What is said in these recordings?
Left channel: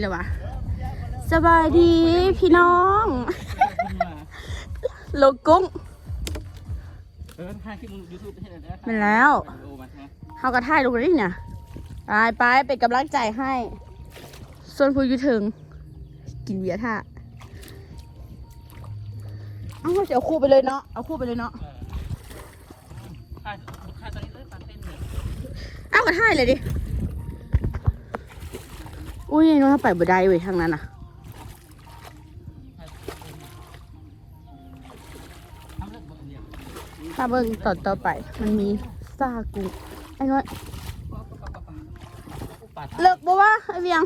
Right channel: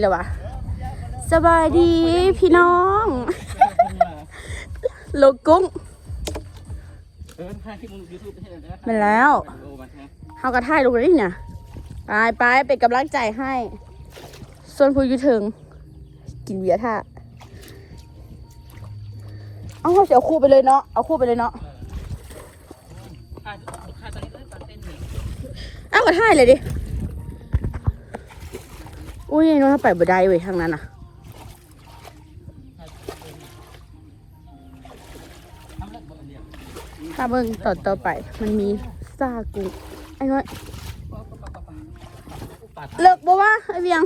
แล้ววะสบายดีพี่น้องโลกุ้งเออถ่ายคลิปยูทูบให้หน่อยนะมาแล้วโอ้มาใช่ไหมเขาก็ถ่ายลงเลยเนี่ยไปไปเป็นกำลังใจให้ ส่วนผู้อยุถึง กินเบียร์ท่าเอาเดี๋ยวคู่ไปเลยเนาะเอาคู่ไปเลยเนาะถ่ายถ่ายตอนนี้ก็ตัดเต้นอยู่เอาก็ถ่ายเลยดิ อุ้ยน้องถ้าไปบ่ได้เว้ยทางนั้นน่ะทำเลิกบอกเดียวถ้าเบิ่งต่อต่อไป มันมีซากุไอ้น้อยเลิกบ่ว่าไอ้เวียง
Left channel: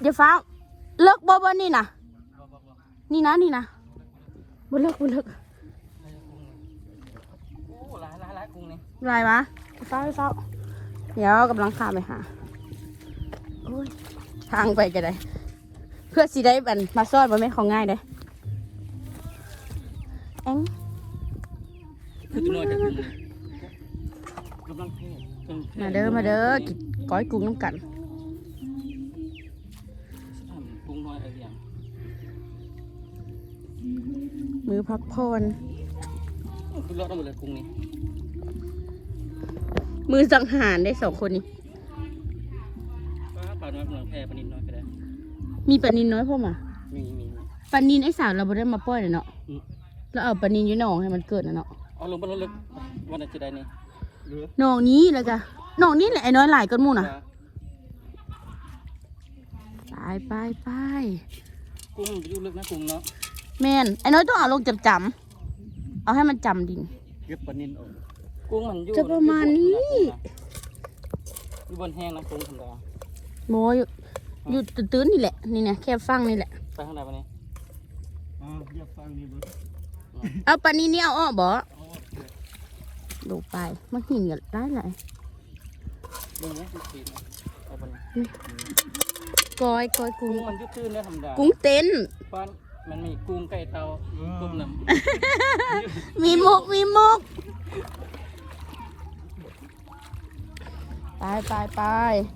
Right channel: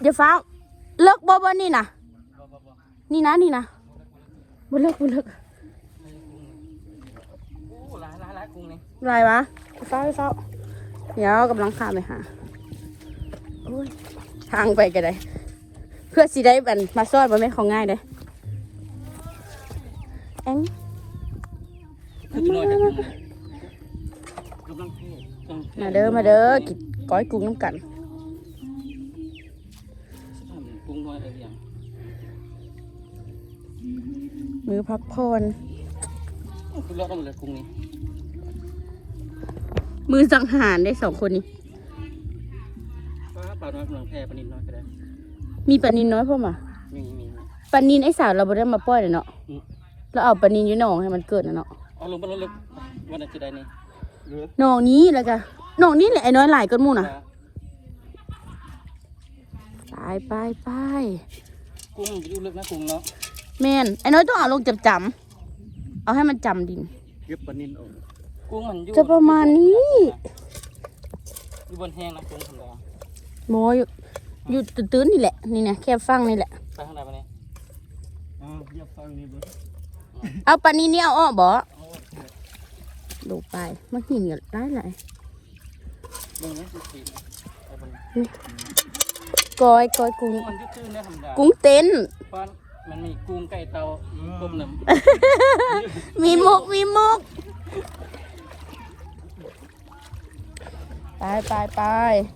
เดี๋ยวฟ้าเลิกบ่บ่นี่นะนี่นะนี่นะบ่เลิกบ่เลิก โอ้ร้ายร้ายร้ายกุ้งนี่ไรวะเฝ้าเฝ้าเดี๋ยวกำลังข้ามไปหาโอ้ยทางไปกันเลยเพื่อสิได้บันมาซ่อนมันไม่ของง่ายเด้อแองคือจะนอนเนี่ยกำลังเท่กำลังมาเด้อมาเด้อกินก้อยกุ้งน้ำกันกุ้งน้อยอะไรอย่างมือพักผ่อนคือรอดต้องหมดเลยกุ้งนี่ มือสังหารได้สองคนนี้ ป้าปลาน้อยกำลังแพร่ปลานินน้อยก็ได้มีปลานินน้อยป่ะมามีมีปลานินไอ้สาวเราบ่ได้มาปล่อยเลยเนาะเราเอาปลานินอยู่หนองให้มันเกิดนะเนาะเอาลงไปลงว่าจะได้นี่หนองนี้แล้วก็หนองนี้แหละไอ้น้อยหลายก้นหมู่นะไปไปไปกุ้งอยู่ลึกนะกุ้งเนาะแม่นไอ้น้อยต้องเอาลงจำจำๆเอาให้มันจำดิน เก็บปลานินออก กุ้งมันอยู่จะประมาณนี้อยู่บนแห้งนะกุ้งธรรมดาโมอยู่อยู่ตื้นๆนี่แหละ นี่นะแค่ฟังนี่แหละไปข้างในมาเนี่ยอ๋อเยียบฟังนี่บ่เอาปลานี้นี่เอาออกบ่โอ้ดูไปมาหินกันได้หลายมึงนะคือคือก้อยก้อยกุ้งกุ้งมันยืดขึ้นได้ธรรมดากุ้งเต้นเพราะมันมีกุ้งไก่เตาต้มน้มีมุกมีมุก ไปไปไป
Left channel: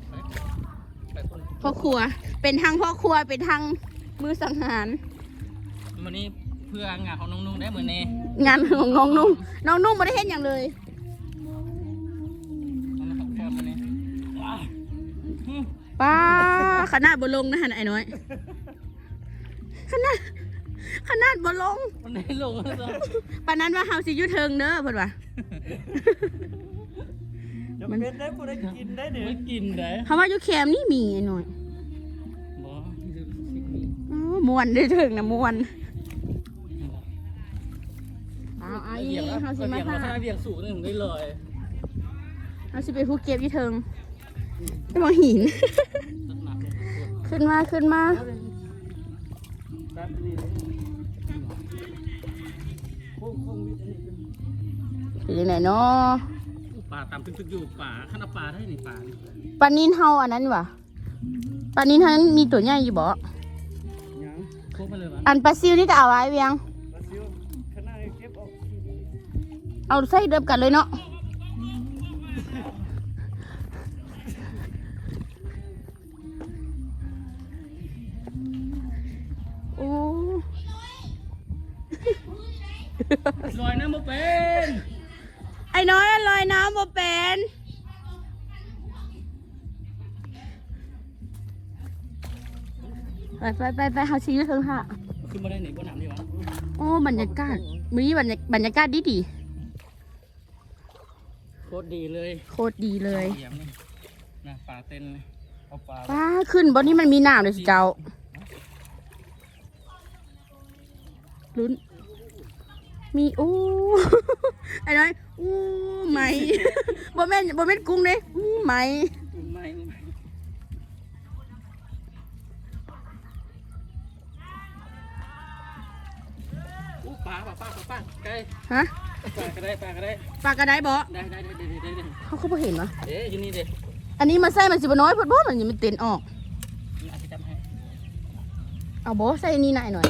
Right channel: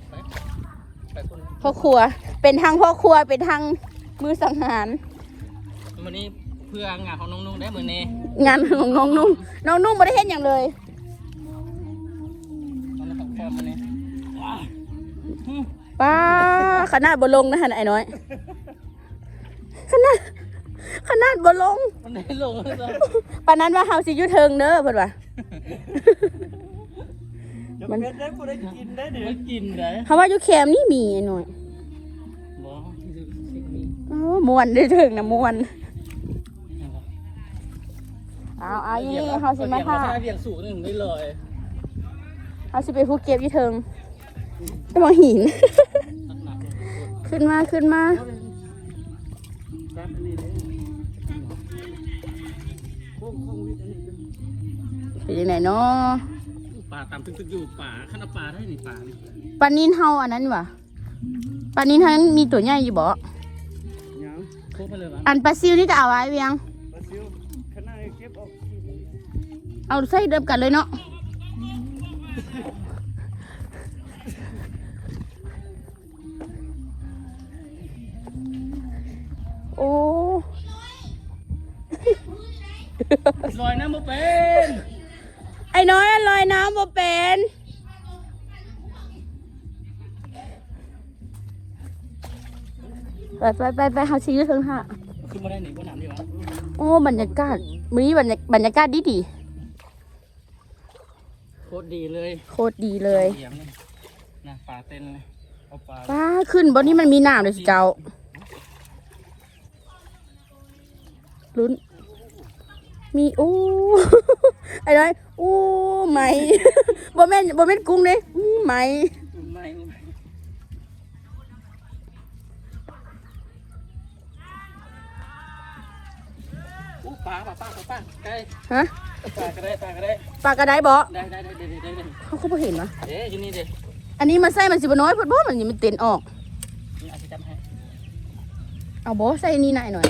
ำไปคนพ่อครัว เป็นทางพ่อครัว เป็นทางมือสังหารวันนี้เพื่องานของน้องนุ่งได้เหมือนเน่งานของน้องนุ่งน้องนุ่งไม่ได้เห็นอย่างเลยมันนะครับแค่มาเนี่ยป้าขนาดบลงนะฮะไอ้น้อย ขนาดขนาดบลงมันได้ลงแล้วจ้ะปานนั้นว่าเฮาสิอยุเทิงเด้อเพิ่นว่า มันไม่กินได้เฮาว่าอยู่แคมป์นี่มีไอ้น้อยบ่โอ้ม่วนได้ถึงนะม่วนเอาเอาอีเฮาสิมาเบี่ยงท่าเบี่ยงสูงหนึ่งได้เลยเฮาสิไปภูเก็ตอยู่เทิงจะมาหินตัดหนักขึ้นมาขึ้นมาตัดนี่เลยกุ้งกุ้งวิทย์อันนี้เป็นยังไงเนาะ ป่าตามตึกๆอยู่ป่าขนาดป่าได้นี่ป่านี่ปลานินเฮาอันนั้นว่ะปลานินเฮามีตัวใหญ่อยู่บ่ยังโค้งไปเลยวะอันปลาซิวนี่ก็เอาไว้เวียง ปลาซิวขนาดนี้เก็บออกที่นี่เอาใส่เดิมกันเลยเนาะ โอ้ ลอยน้ำมาเป็น ไอ้น้อยลอยน้ำบ่เป็นไปไปไปไปหาชีวิตเถิงค่ะขึ้นมาได้หนิบนหนามดีวะโอ้บรรยากาศมีบรรยาบรรยากาศดีดีโคตรดีเลยๆโคตรดีเลยเหยียบนี่นะป่าเต้นเลยเอาปลาป้าขึ้นบนนี้มันมีน้ำเลยสิเจ้าลุ้น มีโอ้ไอ้น้อยอู้ไหมบ่แม่นบ่แม่นกุ้งเด้อู้ไหมไม่ปลาปลาปลาปลาปลาไก่ฮะปลาก็ได้ปลาก็ได้ปลากระไดบ่ได้ได้ได้ได้ได้ได้เขาก็บ่เห็นวะเอ๊ะอยู่นี่ดิอันนี้มันใส่มันสิบ่น้อยเพิ่นบ่มันยังมันเต้นออกนี่อาจจะจำให้เอาบ่ใส่นี่หน่อยหน่อย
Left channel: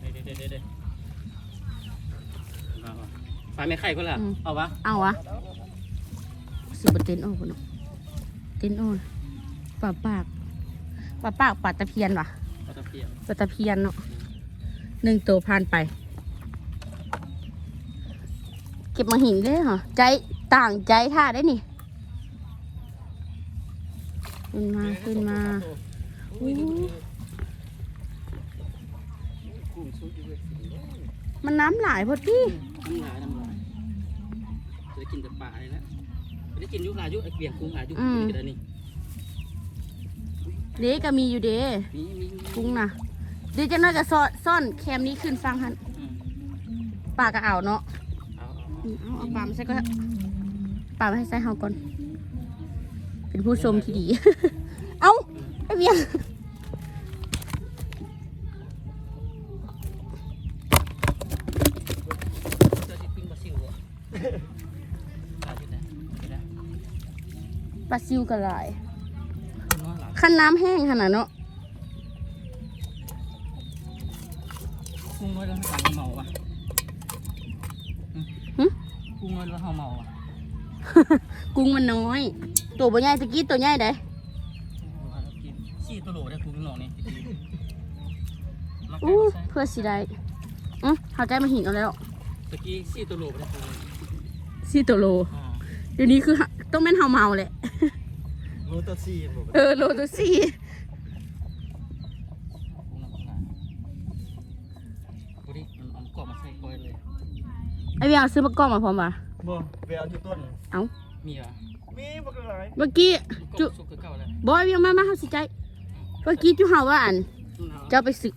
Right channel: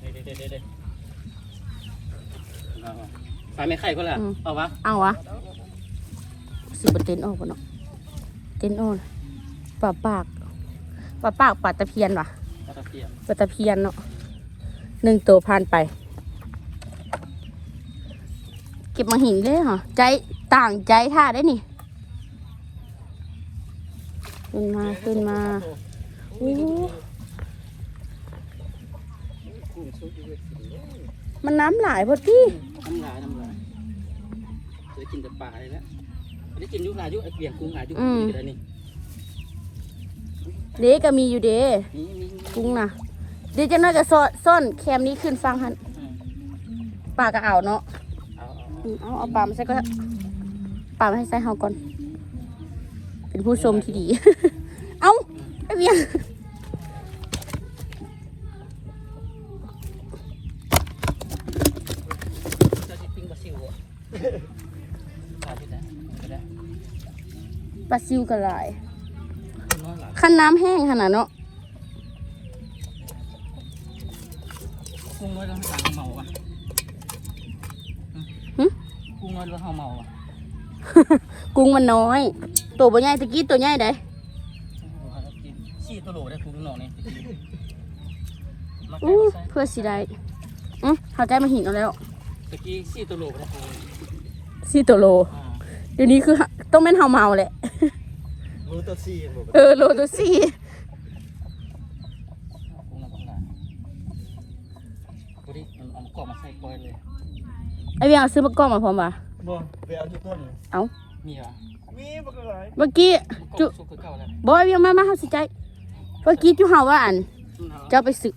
เด้เด้เด้เด้เด้ป ลาไม่ไข่ก็ล่ะเอาวะเอาวะเสิบเต็นออกบ่เนาะเต็นออกป่าปากป่าปากป่าตะเพียนว่ะปลาตะเพียนป่าตะเพียนเนาะหนึ่งตัวผ่านไป เก็บมาหินเลยเหรอใจต่างใจท่าได้นี่ขึ้นมาขึ้นมาโอ้กุ้งซุปอยู่เลยสิเด้อมันน้ำหลายพอที่ทำลายทำลายจะ ได้กินแต่ปลาเลยนะไม่ได้กินอยุคลายอยุไอเปลี่ยนกุ้งหลายอยุคนี้ก็ได้นี่เด็กก็มีอยู่เด้นี่นี่นี่กุ้งนะเดี๋ยวจะน่าจะซ่อนซ่อนแคมนี้ขึ้นฟังหันอืมปลาก็เอาเนาะเอาเอาเอาอืมเอาเอาปลามาใส่ก็ปลามาให้ใส่เฮาก่อน เป็นผู้ชมที่ดี เอาไอเบียง เราจะปิ้งปลาซิวอะปลาที่ไหนก็ได้ ปลาซิวกันหลายน้อยหลายขั้นน้ำแห้งขนาดเนาะกุ้งน้อยเราไม่ต่างเมาอะหึกุ้งน้อยเราเฮาเมาอะกุ้งมันน้อย ตัวบ่ใหญ่ตะกี้ตัวใหญ่ได้สี่ตัวโหลได้กุ้งหน่อนี่มาอู้ใส่เพื่อสิได้อือเขาใจมาหินเอาแล้วตะกี้สี่ตัวโหลได้กุ้งสี่ตัวโลอ่าเดี๋ยวนี้คือต้องเป็นเฮาเมาแหละ รู้ตัวสี่หมดเออโลตัวสี่กุ้งนะกุ้งนะพอดีมันเอากรอบมาใส่ก้อยเลยไอเบียงเอาซื้อมะกอกมาพร้อมป่ะบ่ไปเอาที่ต้นเอามีเหรอมีบ่คืออะไรเมื่อกี้กรจุอบสุกคือเก่าแล้วบอยเบียงมามาเฮาสิใจเมื่อกี้จุเฮาว่าอันอืมเอาเจ้าไปสึก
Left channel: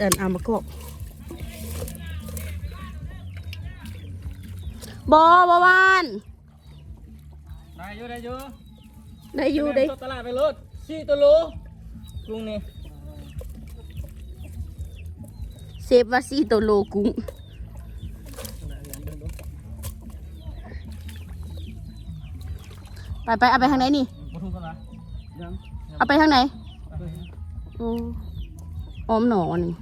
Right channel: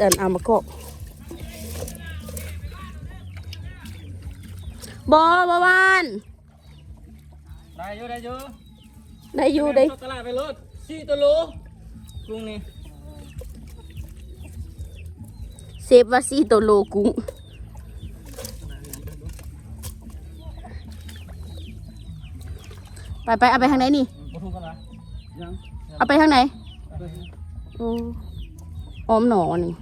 อันเอามะกอกบอบวานได้อยู่ได้อยู่ ได้อยู่ได้ตลาดไปรถสี่ตัวโลกุ้งนี่เซฟว่าสี่ตัวโลกุ้งไปไปเอาไปทางไหนนี่มาทุ่งกันละยังเอาไปทางไหนโอ้ออมหนอนี่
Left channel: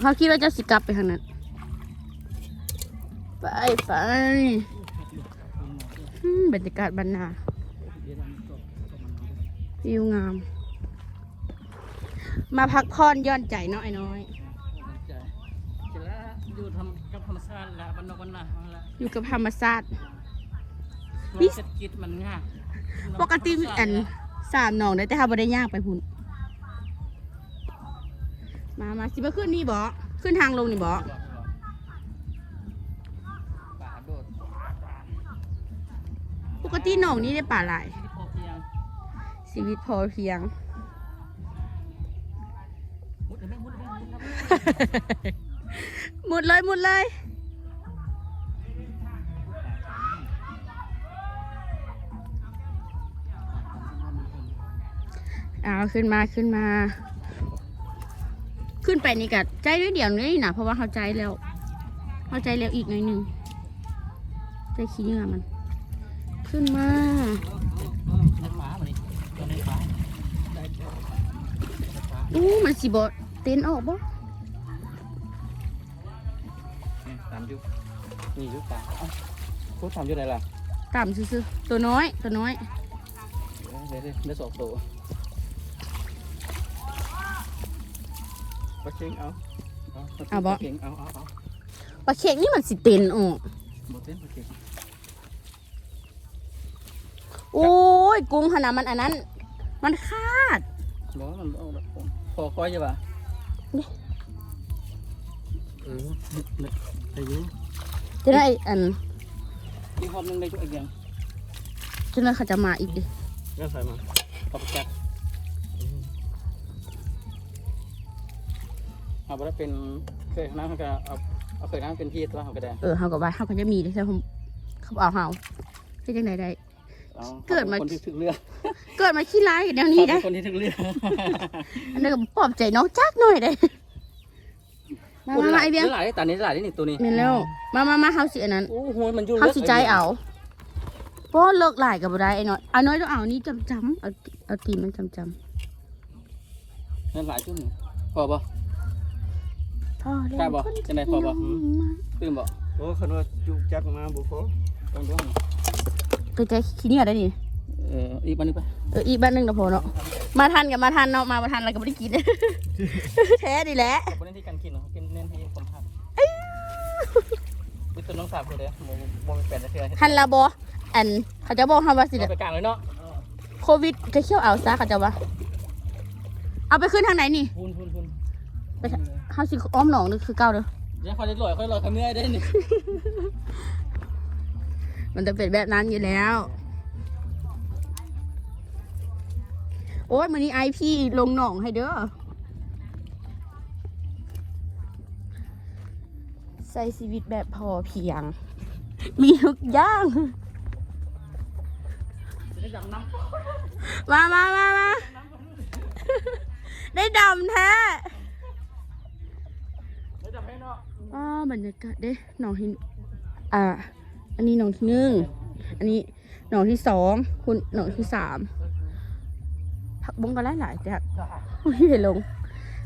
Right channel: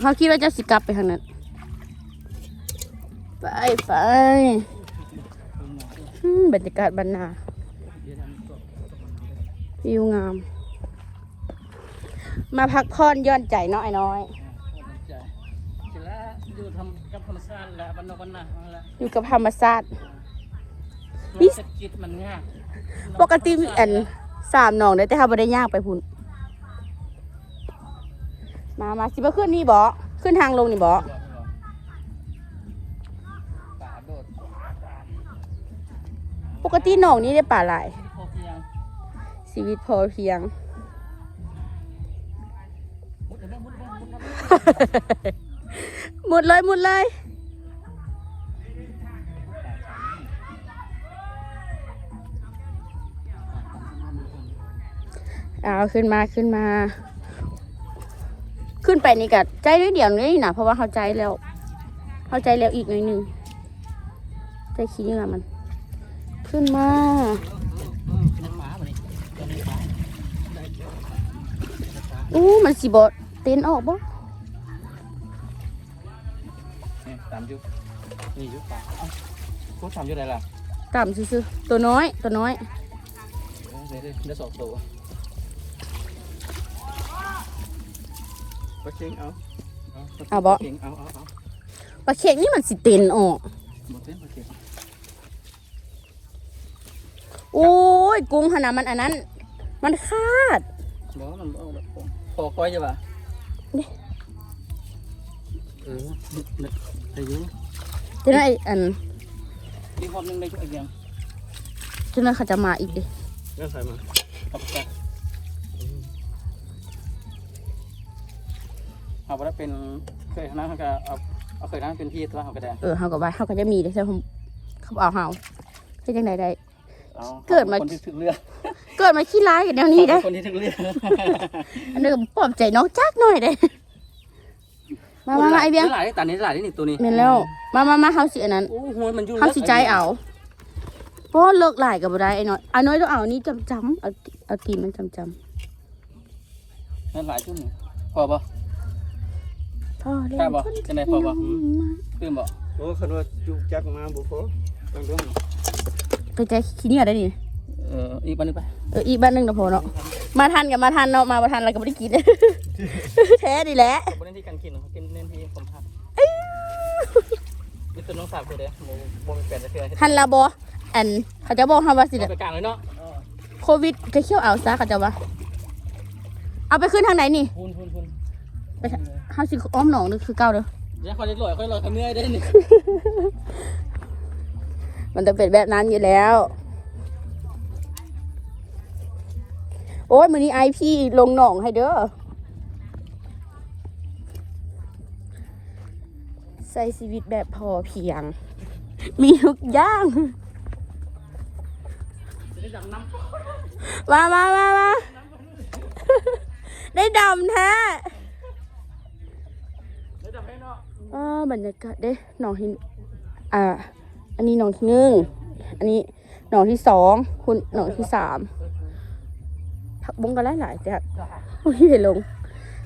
เขาคิดว่าจะสิกลับไปทางนั้น ไปไปอืมบรรยากาศบรรนา วิวงาม มาพักผ่อนหย่อนใจเนาะไอ้น้อยเสร็จแล้วอยู่ทำกับธรรมชาติแล้วบรรณบรรณาเอาละอยู่กับธรรมชาติเศรษฐกิจมันง่ายปกติมีอันสามหนองได้แต่เขาไม่ได้ย่างไปพุ่นมามาสิมาขึ้นนี่บ่ขึ้นทางลงนี่บ่บาโดดปกติหนองนี้ได้ป่าหลาย ชีวิตพอเพียง หมดเลยหมดเลยเอาขึ้นมาขึ้นมา ขึ้นไปนี่กัดใจนิดเดียวนี่นะเพราะว่าเข้าใจแล้ว เข้าใจแล้วอีกนิดนึงใจขี้เหงื่อมัน ขึ้นมา อะอู้มันสิบอเต้นออกบ่นี่ตามยุคนี่ยุคพวกทำยุคอะไรล่ะต่ำซื่อๆตัวน้อยตัวน้อยเดี๋ยวเดี๋ยวเดี๋ยวสองตัวปลาเค็งเอาเอาบ่เก่งเอาเอาเอาปลาเค็งนี่มันสิเต้นออกหมดเต้นโอเคโอ้ยกุ้งขนาดมันอันนั้น มันคาดหมอมันเอาแบบพอคอยจะป่ะเออเนี่ยอายุจะได้อันมีคนหนึงในทุกอย่างจะได้เขาจะมาอีกดิแล้วใส่มาออกจากเอาไปแล้วเป็นเคยนั่งเขาก็เอาเอาเคยนั่งเป็นพี่ตัวเขาก็ได้เออเขาก็ว่าเขาก็จะมีเลยใช่ไหมเขาเอาเฮาเป็นจังไดได้อา เกิดมา คนที่ถึงเรือเกิดมาขี้ร้ายกันแนวนี้ได้คนที่ถึงเรืออันนี้ก็ปลอบใจน้องจักหน่อยได้มามามาไอเบียงหลายตานี้หลายนี่ตัวนี้เมนแล้ว มามามาเฮาสิอันนั้นโอ้โหมันอยู่เฮาสิใจเอาเพราะเลิกหลายกับบ่ได้ไอ้น้อยไอ้น้อยต้องเอานี่จำจำๆเอาเอาตีนมันจำจนั่นหลายจุดหนึ่งพอปะำพ่อเล่กล้าบ่นคนจะไหนที่พ่อน้บ่องมาเพิ่มบ่ โอ้คันว่าจุกจักมาบ่พอต้องเรื่อง ไปใจขี้เนี่ยได้ดิเอออีกวันหนึงไปเอออีกบ้านหนึงนะพอเนาะมาทันกับมาทันเนาะมาบ่ทันอะไรก็ไม่ได้กินแท้ดีแหละวันนี้ที่การกินเนาะกินเน้นให้คนทำนี่ตัวน้องสาวกูเด้อเดี๋ยววงแปดจะเชื่อจะหันลาบออันเขาจะบอกทำว่าสิเด้อไปกลางเลยเนาะเออโควิดจะเขี้ยวเอาซะเขาจะว่าเอาไปขึ้นทางไหนนี่พูนพูนพูนไปทางเฮาสิอ้อมหนองนึกคือเก่าเด้อเดี๋ยวคอยจะลอยคอยลอยคอยเมื่อยได้นี่ มันจะเป็นแบบนั้นอยู่แล้ว โอ้ยมือนี้ไอพี่ลงหนองให้เด้อ ใส่ชีวิตแบบพอเพียง มีทุกอย่างมามามามาได้ดำแท้อ่าบรรยากาศเด้หนองหิน อ่า อันนี้หนองที่หนึ่งอันนี้หนองที่สองคุณหนองที่สามผักบุ้งกันหลายๆจ้ะโอ้ยเดี๋ยวลง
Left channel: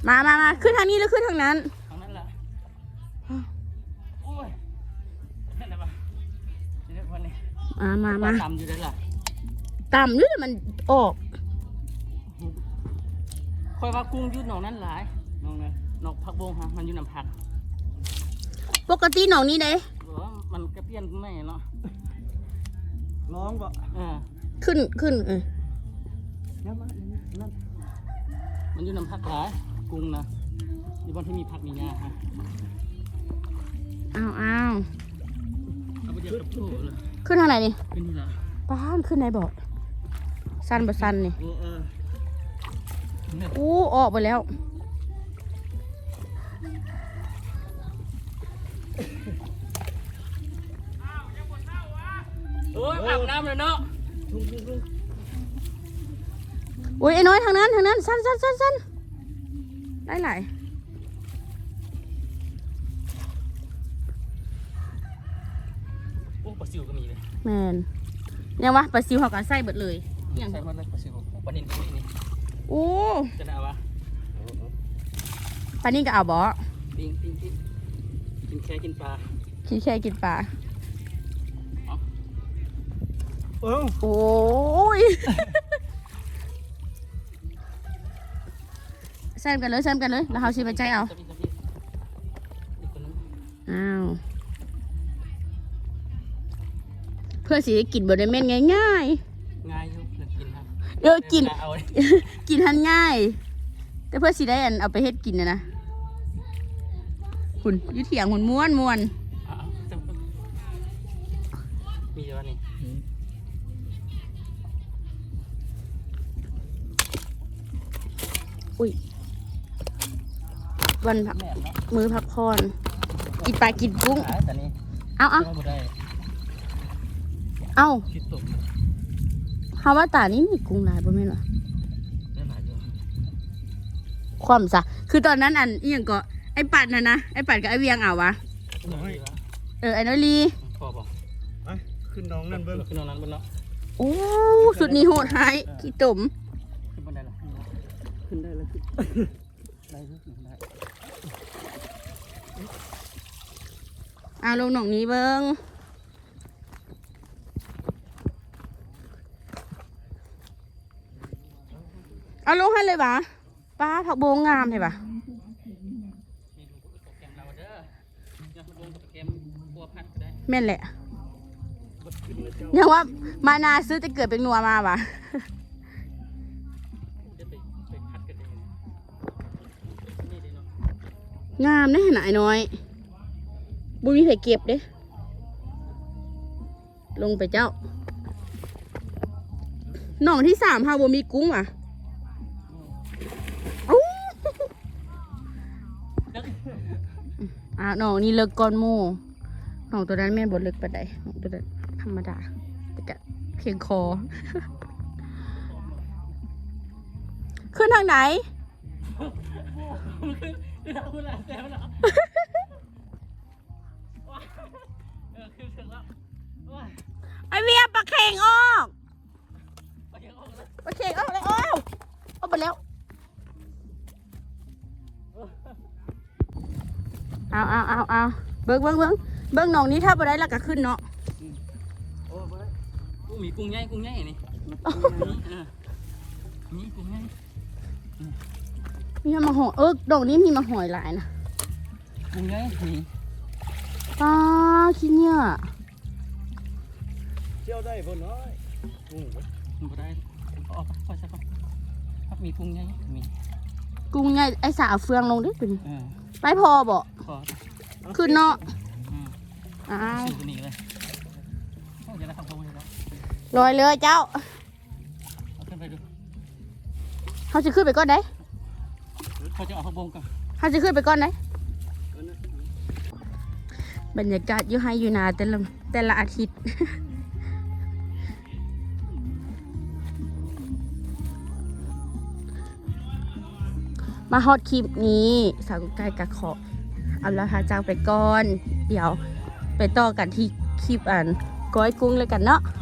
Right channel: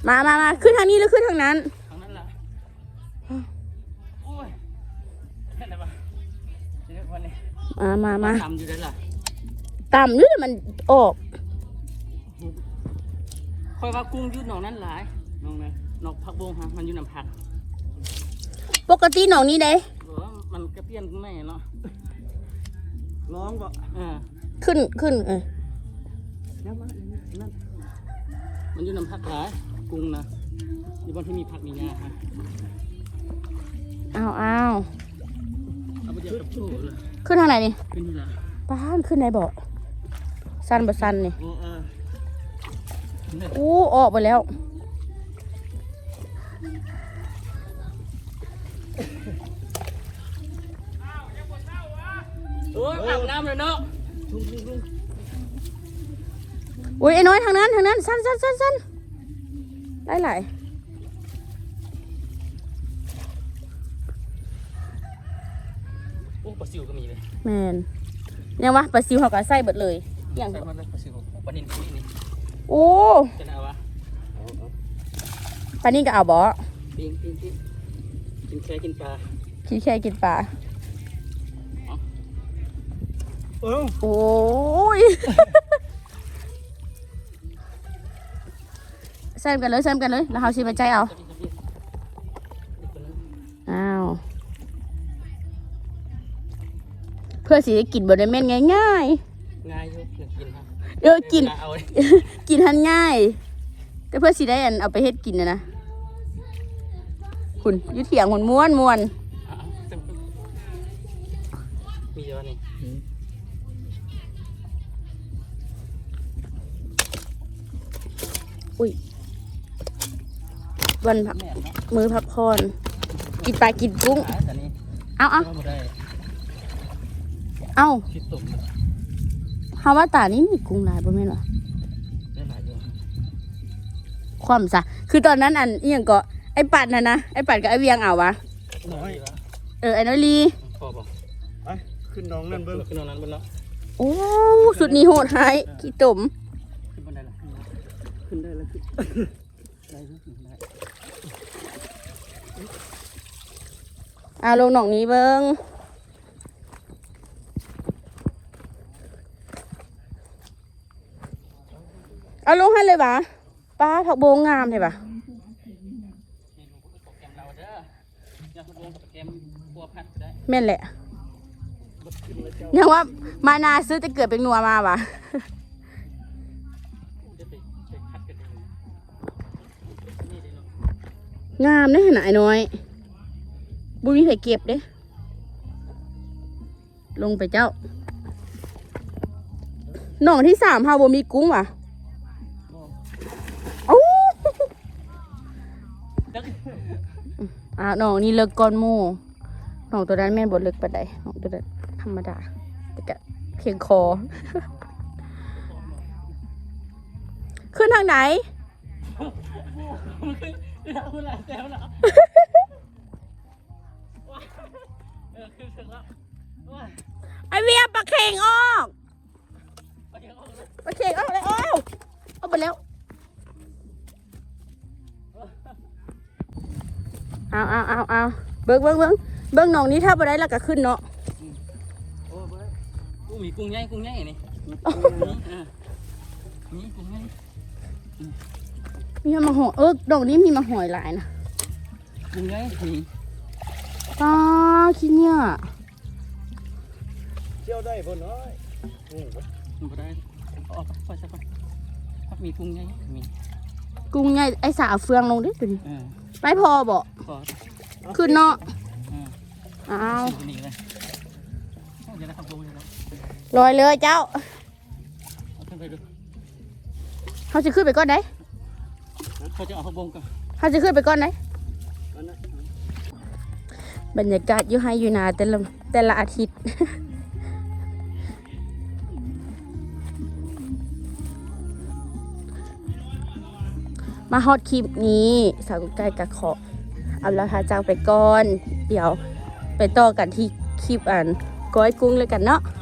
มามามาขึ้นทางนี้หรือขึ้นทางนั้นทางนั้นล่ะโอ้ยนั่นแหละวะนี่วันนี้มามามาตามอยู่ได้ล่ะต่ำด้วยมันออกคอยว่ากุ้งยืดหนองนั้นหลายหนองนะหนองผักบงฮะมันอยู่น้ำผัก ปกติหนองนี้เด้บอกว่า มันกระเพี้ยนแม่เนาะร้องบ่เออขึ้นขึ้นเออนั่นมันนั่นมันอยู่น้ำผักหลายกุ้งนะอยู่บนที่มีผักมีหญ้าฮะอ้าวอ้าวเอาไปเดียวกับโชว์เลยขึ้นทางไหนนี่เป็นที่ไหนป้านขึ้นไหนบอกสั้นบ่สั้นนี่โอ้เอออู้ออกไปแล้ว โอ้ยอาบน้ำแล้วเนาะอุ้ยไอ้น้อยทางนั้นทางนั้นสั้นสั้นสั้นสั้นได้หลายโอ้ปลาซิวก็มีเลยแมนยังวะปลาซิวเขาก็ใส่เบิดเลยอย่างใช่มันเลยปลาซิวปลาเนินที่นี่โอ้จะเอาวะปลานี่ก็เอาบ่ปิ้งปิ้งปิ้งกินแค่กินปลาคิดแค่กินปลา เออโอ้ยแซมกันเลยแซมกันเลย แล้วเขาชิมใจเอาจะกินจะกินอีกคนนึงอ้าว เพื่อสิได้กินบไดเม่นง่ายง่ายอยู่เพื่อนกินฮะๆเออกินเอาเลยกินทันง่าย แต่เพื่อสิได้อันเอาไปเฮ็ดกินนะนะ คุณอยุเถียงมันม้วนม้วน เอาเอาจังมีเยอะนี่ อุ้ย วันพักแม่เนาะมือพักผ่อนกินปลากินกุ้งหาแต่นี่เอาเอาไม่ได้เอาคิดตุ่มฮาว่าตานี่มีกุ้งหลายบ่แม่นวะได้หลายอยู่ความซะคือตอนนั้นอันเอียงก็ไอ้ปัดน่ะนะ ไอ้ปัดกับไอ้เวียงเอาวะน้อยเออไอ้น้อยลีพอบอกไปขึ้นน้องนั่นเบิ้งขึ้นตรงนั้นบนแล้วโอ้ สุดนี้โหดหายขี้ตุ่ม เอาลงหนองนี้เบิ้งเอาลงให้เลยวะป้าผักโบงงามเลยปะเราเด้อยังขบวนกับแม่นแหละยังว่ามานาซื้อแต่เกิดเป็นนัวมาวะไปไปพัดกันเองนี่เลยเนาะ งามนะหนายน้อยบุมีใครเก็บเด้ลงไปเจ้าหนองที่สามเฮาบ่มีกุ้งว่ะอู้อ่าหนองนี้เลิกก้อนมูหนองตัวนั้นแม่บดเลิกไปานใดหนองตัวนั้นธรรมดาแต่กะเพียงคอ ขึ้นทางไหน เราเวลาแซวเนาะเออขึ้นถึงแล้วว้าไอเวียปลาเข่งออกไปยังออกแล้วปลาเข่งออกเลยออกออกไปแล้ว เอาเอาเอาเอาเบิ้งเบิ้งเบิ้งเบิ้งหนองนี้ถ้าไปได้แล้วก็ขึ้นเนาะ โอ้เบ้ยกูมีกุ้งใหญ่กุ้งใหญ่นี่นี่อ่านี่กุ้งใหญ่ มีมาหอยเออดอกนี้มีมาหอยหลายนะกุ้งใหญ่นี่ป้าคิดเนี่ยเที่ยวได้บ่น้อยอืมมันก็ได้เอาออกไปสักคนถ้ามีกุ้งใหญ่มีกุ้งใหญ่ไอสาเอาเฟืองลงดิดูดิเออไม่พอบ่ขอขึ้นเนาะอืมอ้าวขึ้นนี่เลยเอาเดี๋ยวนะครับลงเลยนะลอยเลยเจ้าเอาขึ้นไปดูเขาจะขึ้นไปก้อนไหน เขาจะเอาเขาบงก่อนเขาจะขึ้นไปก้อนไหนอันนั้นบรรยากาศอยู่ให้อยู่นาแต่ละแต่ละอาทิตย์มาฮอตคลิปนี้สาวกุ๊กไก่กะขอเอาละค่ะจากไปก่อน เดี๋ยวไปต่อกันที่คลิปอันก้อยกุ้งเลยกันเนาะอ